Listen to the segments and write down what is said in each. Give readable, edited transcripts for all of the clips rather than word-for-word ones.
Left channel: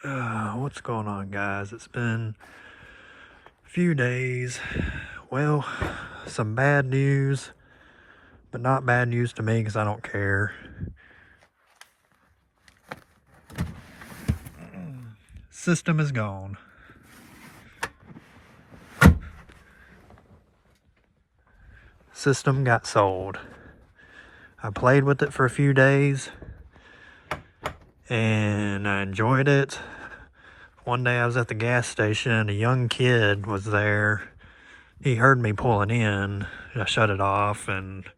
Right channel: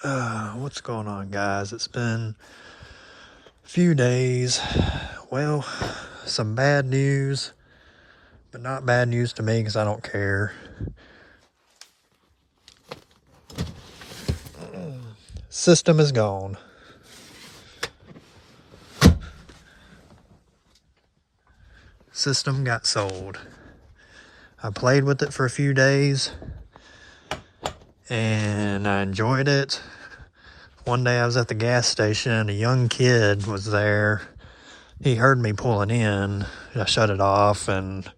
What's going on, guys? It's been a few days. Well, some bad news, but not bad news to me because I don't care. System is gone. System got sold. I played with it for a few days and I enjoyed it. One day I was at the gas station, a young kid was there. He heard me pulling in. I shut it off and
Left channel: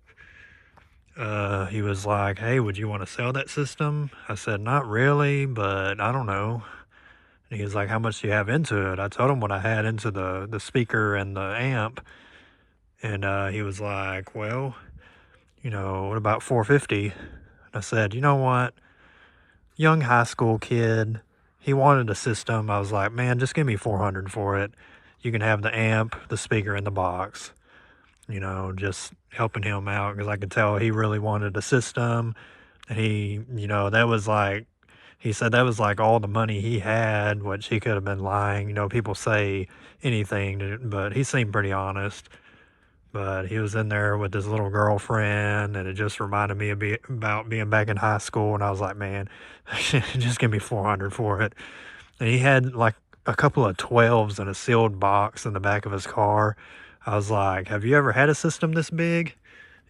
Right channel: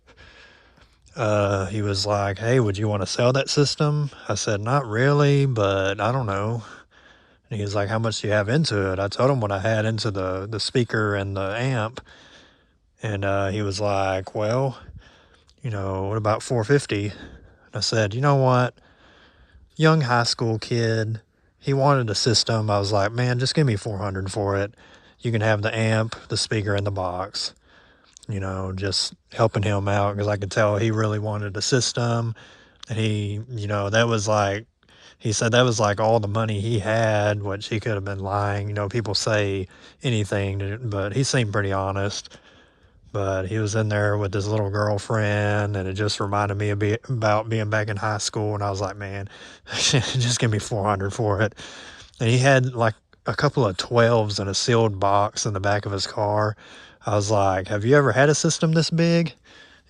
he was like, "Hey, would you want to sell that system?" I said, "Not really, but I don't know." And he was like, "How much do you have into it?" I told him what I had into the speaker and the amp. And he was like, "Well, what about 450?" And I said, "You know what? Young high school kid, he wanted a system." I was like, "Man, just give me 400 for it. You can have the amp, the speaker, and the box." Just helping him out because I could tell he really wanted a system. And that was like, he said that was like all the money he had, which he could have been lying. People say anything, but he seemed pretty honest. But he was in there with his little girlfriend, and it just reminded me about being back in high school. And I was like, "Man, just give me 400 for it." And he had like a couple of 12s in a sealed box in the back of his car. I was like, "Have you ever had a system this big?"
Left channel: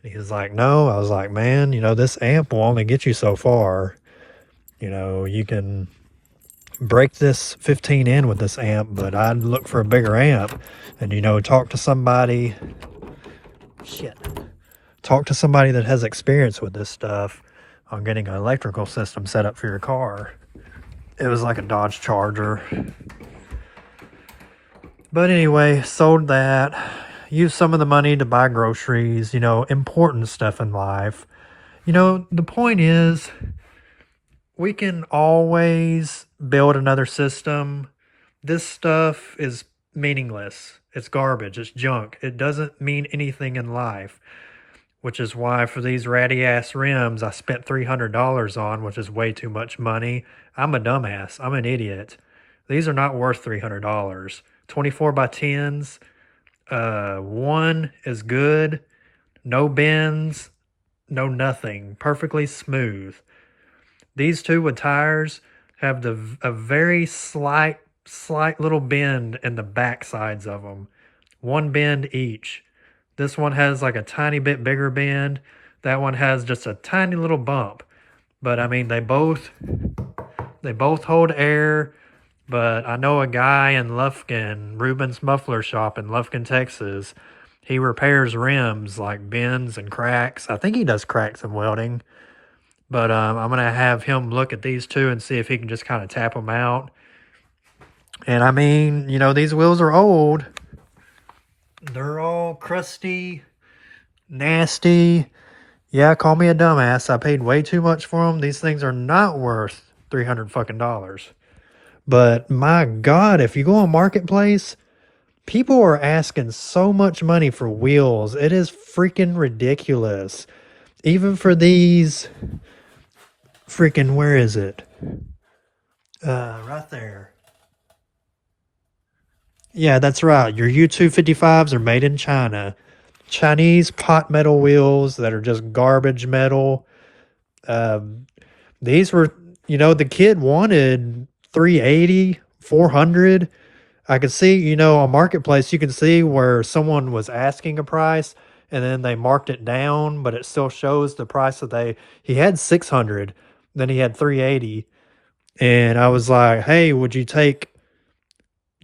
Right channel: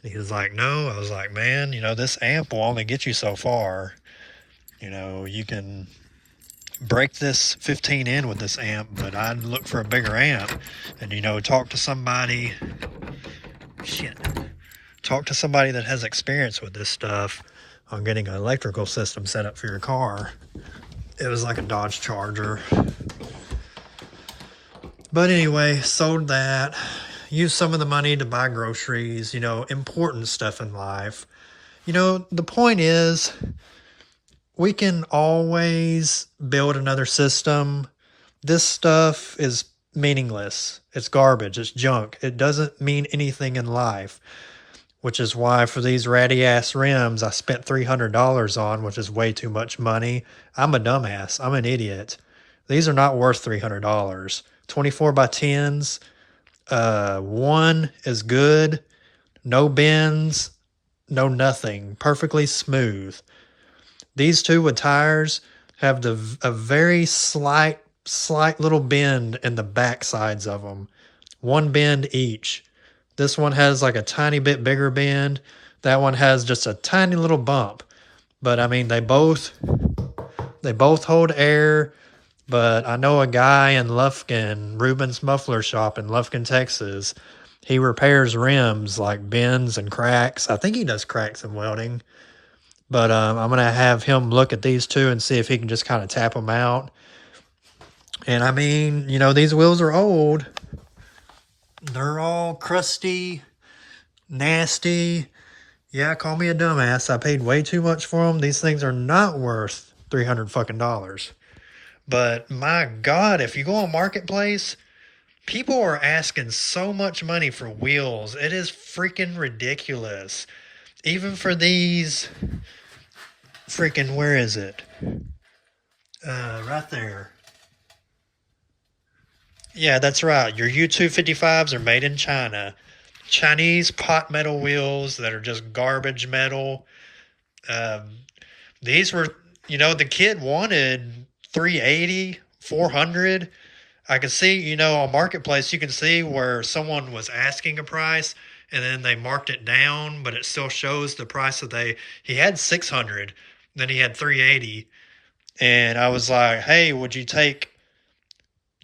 And he was like, "No." I was like, "Man, this amp will only get you so far. You can break this 15 in with this amp, but I'd look for a bigger amp and, talk to somebody. Shit. Talk to somebody that has experience with this stuff on getting an electrical system set up for your car." It was like a Dodge Charger. But anyway, sold that. Used some of the money to buy groceries, important stuff in life. The point is, we can always build another system. This stuff is meaningless. It's garbage. It's junk. It doesn't mean anything in life, which is why for these ratty ass rims I spent $300 on, which is way too much money. I'm a dumbass. I'm an idiot. These are not worth $300. 24 by 10s. One is good. No bends. No nothing. Perfectly smooth. These two with tires have a very slight little bend in the back sides of them. One bend each. This one has like a tiny bit bigger bend. That one has just a tiny little bump. But I mean, they both hold air. But I know a guy in Lufkin, Ruben's Muffler Shop in Lufkin, Texas. He repairs rims like bends and cracks. I think he does cracks and welding. But I'm going to have him look at these two and see if he can just kind of tap them out. And I mean, these wheels are old. They're all crusty, nasty. Yeah, call me a dumbass. I paid way too much for them. These things are not worth $300 fucking dollars. But my God, if you go on Marketplace, people are asking so much money for wheels. It is freaking ridiculous. Even for these freaking, where is it? Right there. Yeah, that's right. Your U255s are made in China. Chinese pot metal wheels that are just garbage metal. Um, these were, the kid wanted 380, 400. I could see, on Marketplace, you can see where someone was asking a price and then they marked it down, but it still shows the price that he had 600, then he had 380. And I was like, "Hey, would you take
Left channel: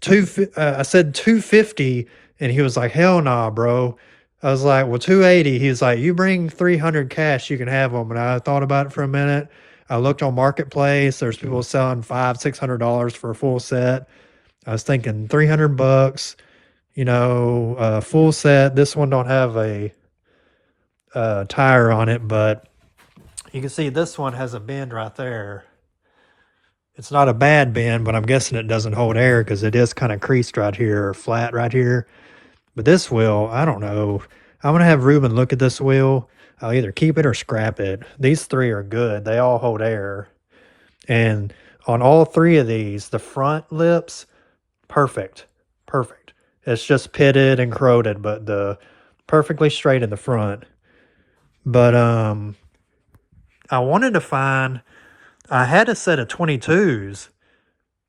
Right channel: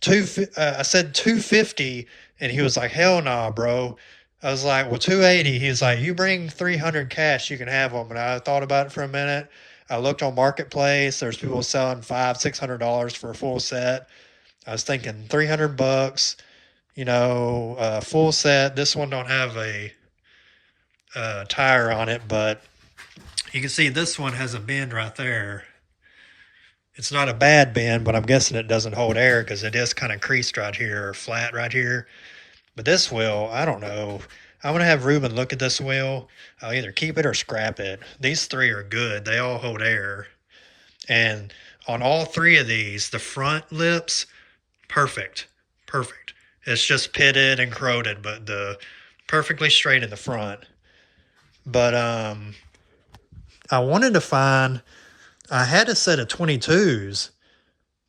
I said 250, and he was like, "Hell nah, bro." I was like, "Well, 280." He was like, "You bring 300 cash, you can have them." And I thought about it for a minute. I looked on Marketplace. There's people selling $500-$600 for a full set. I was thinking $300, full set. This one don't have a tire on it, but you can see this one has a bend right there. It's not a bad bend, but I'm guessing it doesn't hold air because it is kind of creased right here or flat right here. But this wheel, I don't know. I'm going to have Ruben look at this wheel. I'll either keep it or scrap it. These three are good. They all hold air. And On all three of these, the front lips, perfect. Perfect. It's just pitted and corroded, but the perfectly straight in the front. But I wanted to find, I had a set of 22s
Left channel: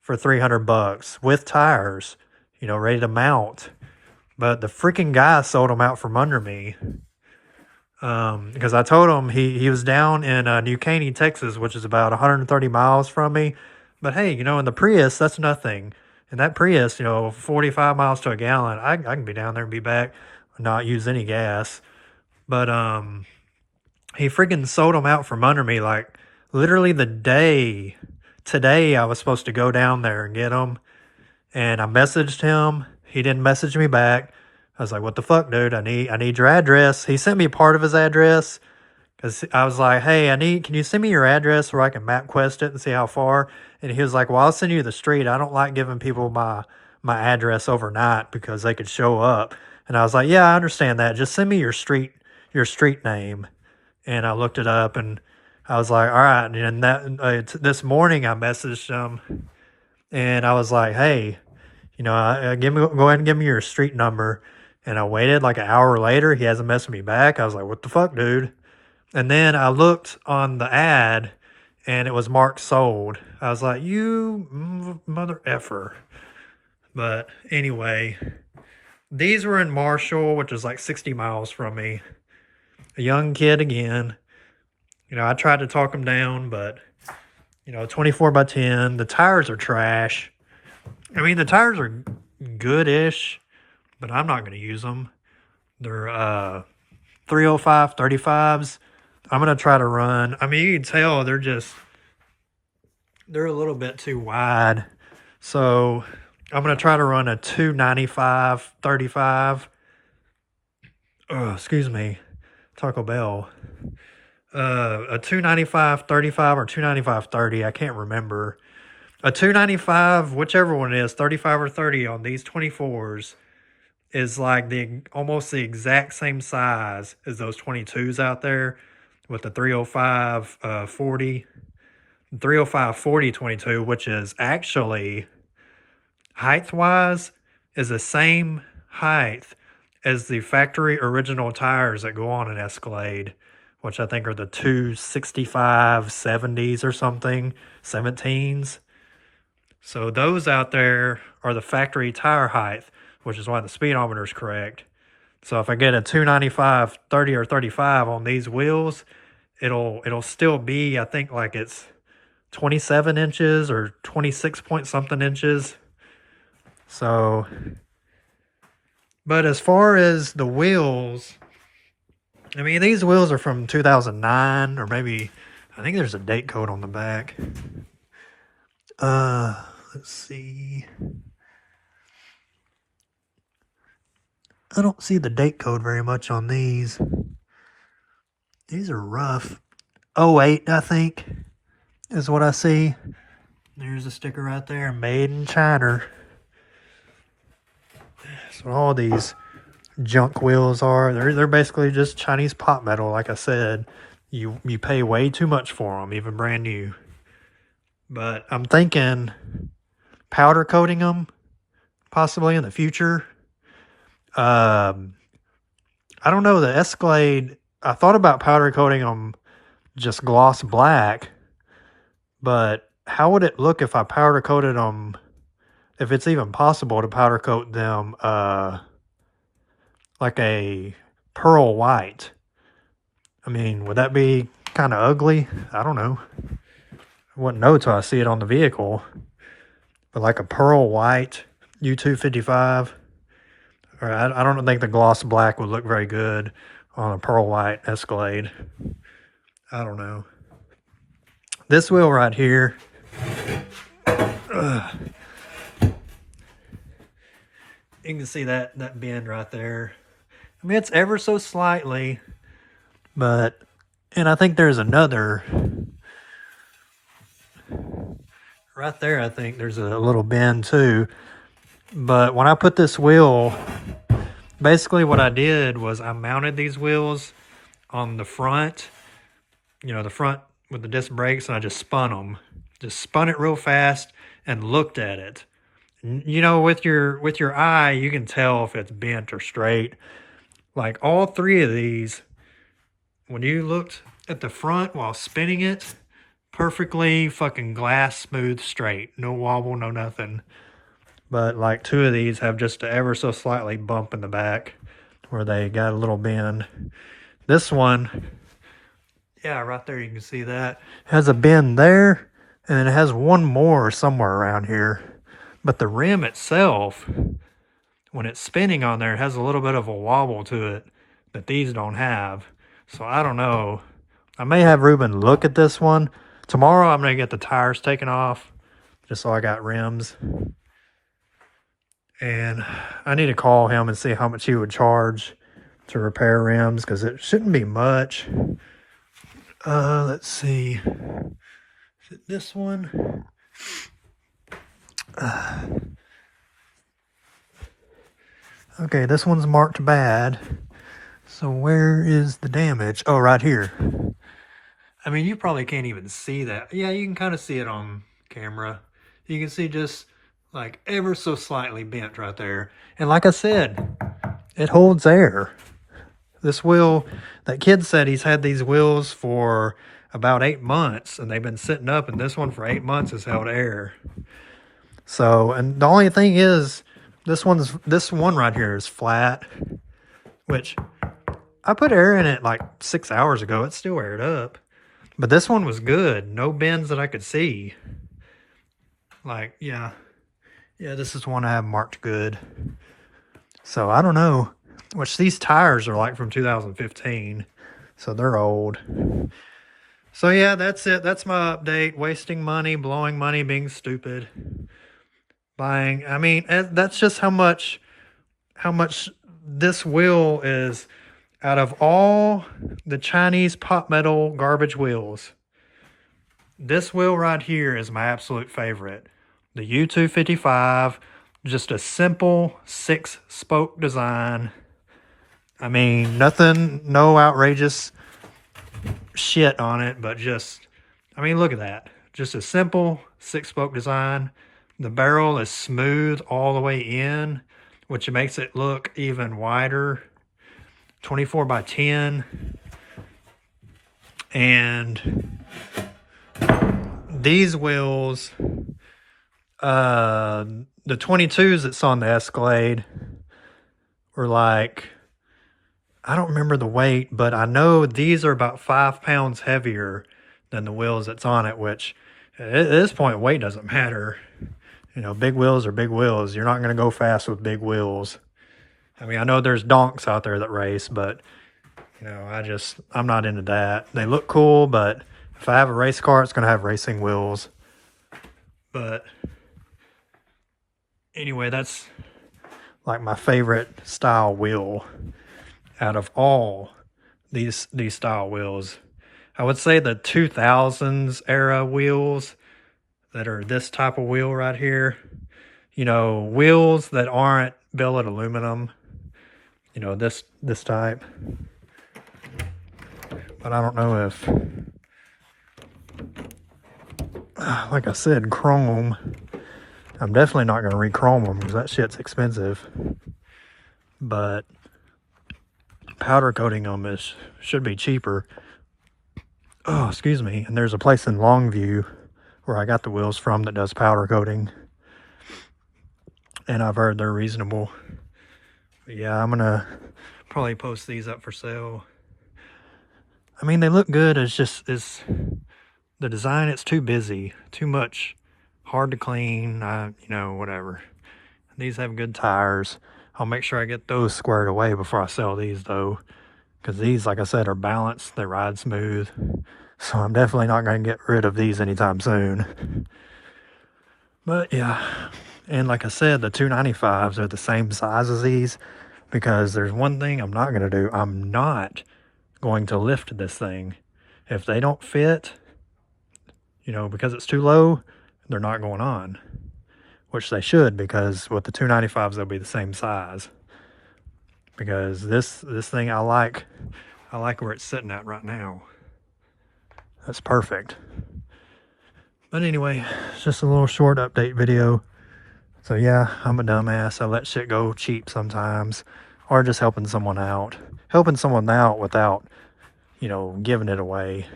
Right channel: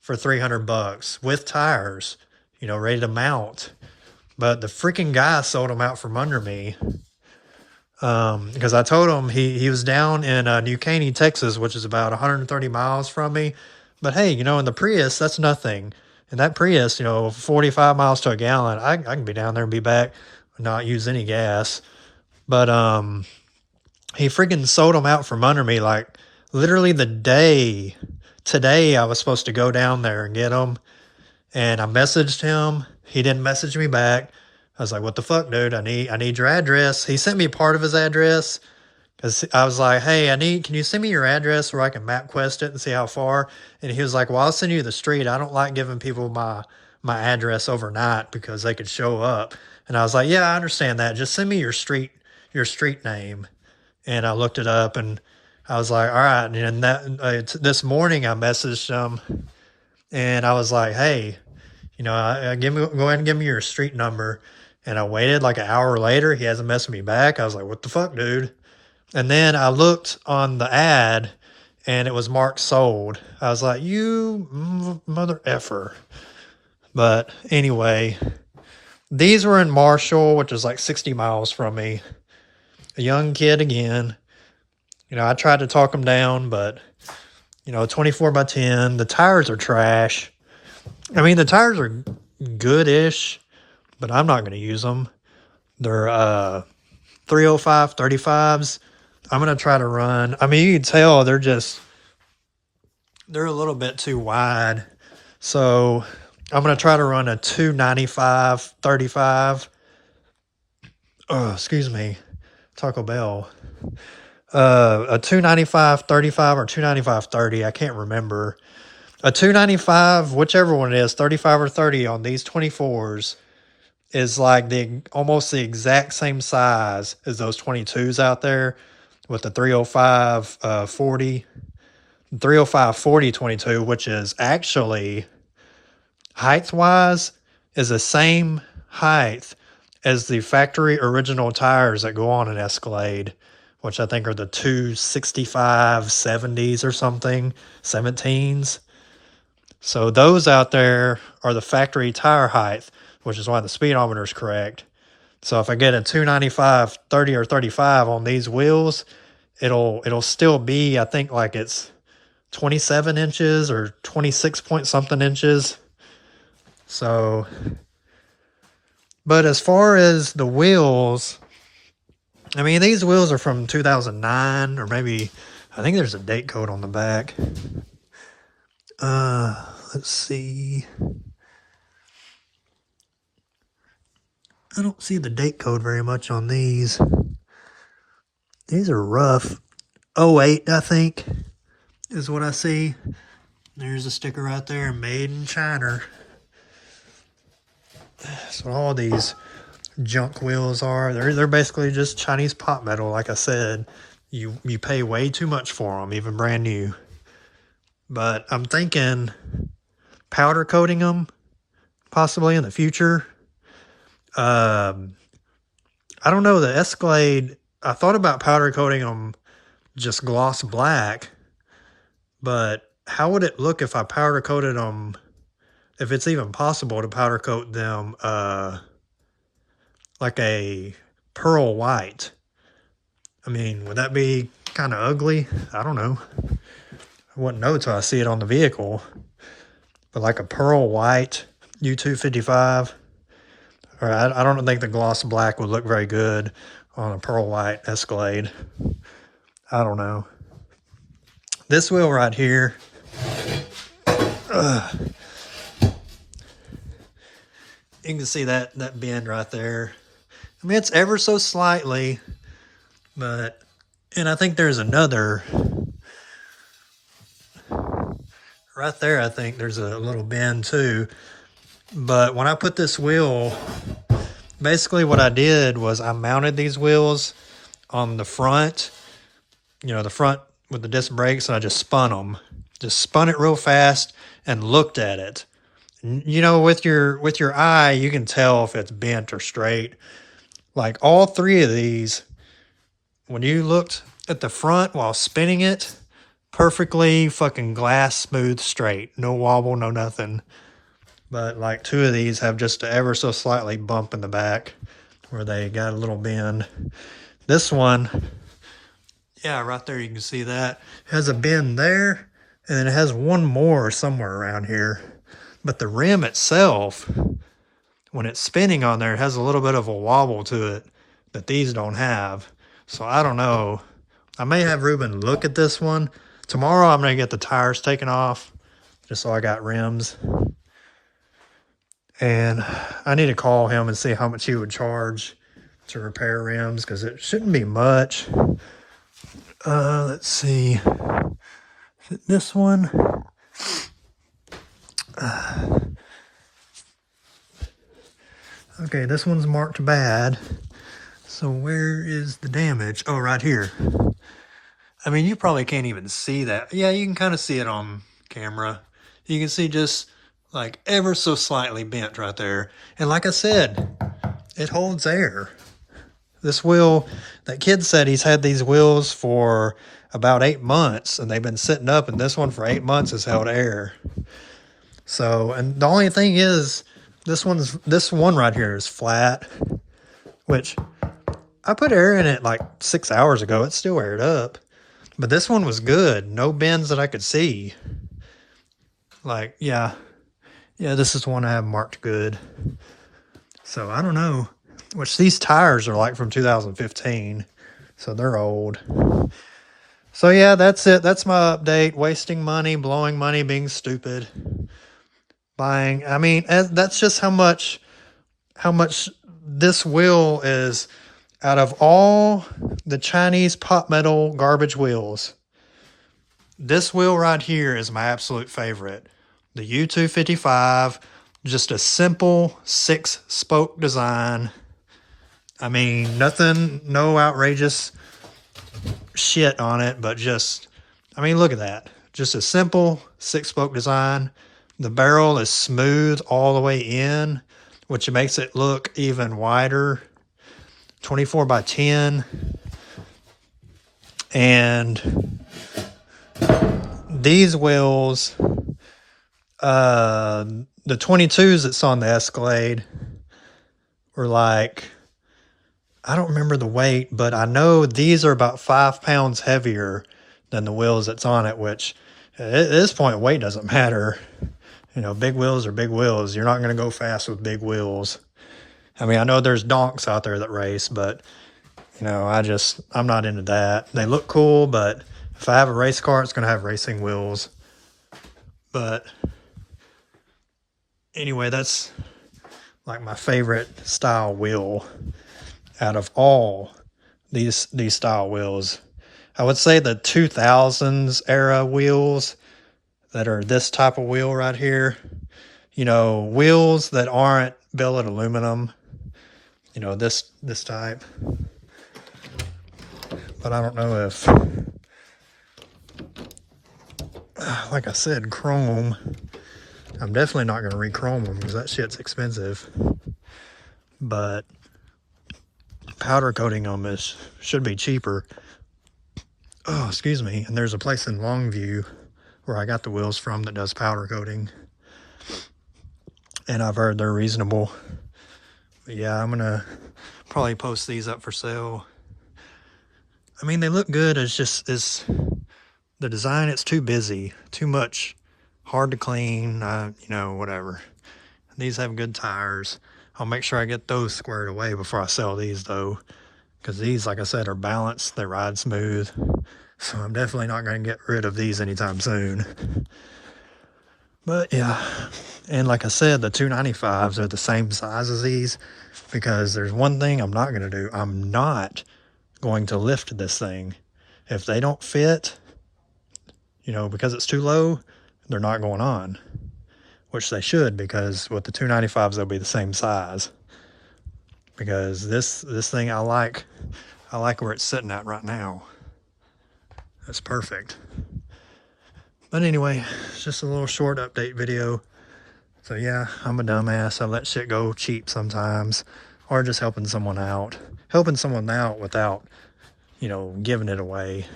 for 300 bucks with tires, ready to mount. But the freaking guy sold them out from under me. Because I told him he was down in New Caney, Texas, which is about 130 miles from me. But hey, in the Prius, that's nothing. And that Prius, 45 miles to a gallon, I can be down there and be back, not use any gas. But he freaking sold them out from under me, like literally today I was supposed to go down there and get them. And I messaged him. He didn't message me back. I was like, what the fuck, dude? I need your address. He sent me part of his address because I was like, hey, can you send me your address where I can MapQuest it and see how far? And he was like, well, I'll send you the street. I don't like giving people my address overnight because they could show up. And I was like, yeah, I understand that. Just send me your street name. And I looked it up and I was like, all right. And this morning I messaged him and I was like, hey, go ahead and give me your street number. And I waited like an hour later. He hasn't messaged me back. I was like, what the fuck, dude? And then I looked on the ad and it was marked sold. I was like, you mother effer. But anyway, these were in Marshall, which is like 60 miles from me. A young kid again. I tried to talk him down, but 24 by 10. The tires are trash. I mean, the tires are good-ish, but I'm not going to use them. They're 305 35s. I'm going to try to run. I mean, you can tell they're a little bit too wide. So I'm going to try to run a 295 35. Oh, excuse me. Taco Bell. A 295 35 or 295 30. I can't remember. A 295, whichever one it is, 35 or 30 on these 24s is like almost the exact same size as those 22s out there with the 305 40, 305 40 22, which is actually height-wise is the same height as the factory original tires that go on an Escalade, which I think are the 265 70s or something, 17s. So those out there are the factory tire height, which is why the speedometer is correct. So if I get a 295 30 or 35 on these wheels, it'll still be, I think, like it's 27 inches or 26 point something inches. So, but as far as the wheels, I mean, these wheels are from 2009 or maybe, I think there's a date code on the back. Let's see. I don't see the date code very much on these. These are rough. 08, I think, is what I see. There's a sticker right there, made in China. That's what all these junk wheels are. They're basically just Chinese pot metal, like I said. You pay way too much for them, even brand new. But I'm thinking powder coating them, possibly in the future. I don't know, the Escalade, I thought about powder coating them just gloss black, but how would it look if I powder coated them, if it's even possible to powder coat them like a pearl white? I mean, would that be kind of ugly? I don't know. I wouldn't know till I see it on the vehicle. But like a pearl white U255, or I don't think the gloss black would look very good on a pearl white Escalade. I don't know. This wheel right here, you can see that bend right there. I mean, it's ever so slightly, but, and I think there's another right there. I think there's a little bend too. But when I put this wheel, basically what I did was I mounted these wheels on the front, the front with the disc brakes, and I just spun them. Just spun it real fast and looked at it. You know, with your eye, you can tell if it's bent or straight. Like all three of these, when you looked at the front while spinning it, perfectly fucking glass smooth straight. No wobble, no nothing. But like two of these have just a ever so slightly bump in the back where they got a little bend. This one, yeah, right there you can see that. Has a bend there, and then it has one more somewhere around here. But the rim itself, when it's spinning on there, it has a little bit of a wobble to it that these don't have. So I don't know. I may have Ruben look at this one. Tomorrow I'm going to get the tires taken off just so I got rims. And I need to call him and see how much he would charge to repair rims because it shouldn't be much. Let's see. Is it this one? Okay, this one's marked bad. So where is the damage? Oh, right here. I mean, you probably can't even see that. Yeah, you can kind of see it on camera. You can see just like ever so slightly bent right there. And like I said, it holds air. This wheel, that kid said he's had these wheels for about 8 months and they've been sitting up, and this one for 8 months has held air. So, and the only thing is this one right here is flat, which I put air in it like 6 hours ago. It's still aired up. But this one was good. No bends that I could see. Like, yeah. Yeah, this is one I have marked good. So, I don't know. Which these tires are like from 2015. So, they're old. So, yeah, that's it. That's my update. Wasting money, blowing money, being stupid. Buying. I mean, that's just how much this wheel is. Out of all the Chinese pot metal garbage wheels, this wheel right here is my absolute favorite. The U255, just a simple 6-spoke design. I mean, nothing, no outrageous shit on it, but just, I mean, look at that. Just a simple 6-spoke design. The barrel is smooth all the way in, which makes it look even wider. 24 by 10. And these wheels, the 22s that's on the Escalade were like, I don't remember the weight, but I know these are about 5 pounds heavier than the wheels that's on it, which at this point, weight doesn't matter. You know, big wheels are big wheels. You're not going to go fast with big wheels. I mean, I know there's donks out there that race, but, you know, I'm not into that. They look cool, but if I have a race car, it's going to have racing wheels. But anyway, that's like my favorite style wheel out of all these style wheels. I would say the 2000s era wheels that are this type of wheel right here. You know, wheels that aren't billet aluminum. You know, this type. But I don't know if, like I said, chrome. I'm definitely not going to re-chrome them because that shit's expensive. But powder coating them should be cheaper. Oh, excuse me. And there's a place in Longview where I got the wheels from that does powder coating. And I've heard they're reasonable. But yeah, I'm going to probably post these up for sale. I mean, they look good. It's just, the design, it's too busy. Too much. Hard to clean. You know, whatever. These have good tires. I'll make sure I get those squared away before I sell these, though. Because these, like I said, are balanced. They ride smooth. So I'm definitely not going to get rid of these anytime soon. But yeah. And like I said, the 295s are the same size as these. Because there's one thing I'm not going to do. I'm not going to lift this thing. If they don't fit, you know, because it's too low, they're not going on. Which they should, because with the 295s, they'll be the same size. Because this thing, I like where it's sitting at right now. That's perfect. But anyway, it's just a little short update video. So yeah, I'm a dumbass. I let shit go cheap sometimes, or just helping someone out. Helping someone out without, you know, giving it away.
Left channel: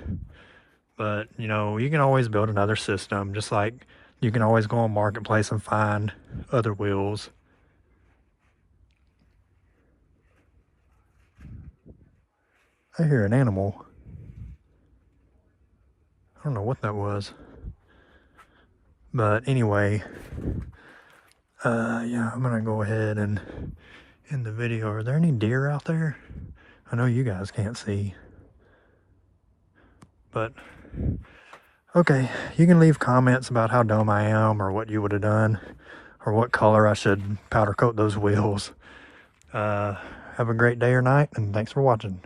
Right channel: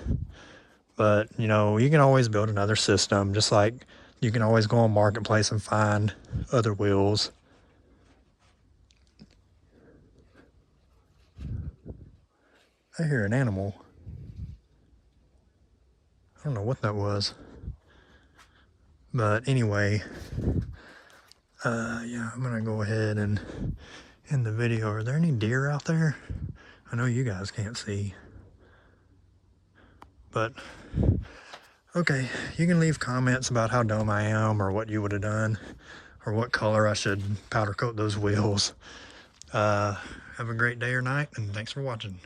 But, you know, you can always build another system, just like you can always go on Marketplace and find other wheels. I hear an animal. I don't know what that was. But anyway, yeah, I'm gonna go ahead and end the video. Are there any deer out there? I know you guys can't see. But, okay, you can leave comments about how dumb I am or what you would have done or what color I should powder coat those wheels. Have a great day or night, and thanks for watching.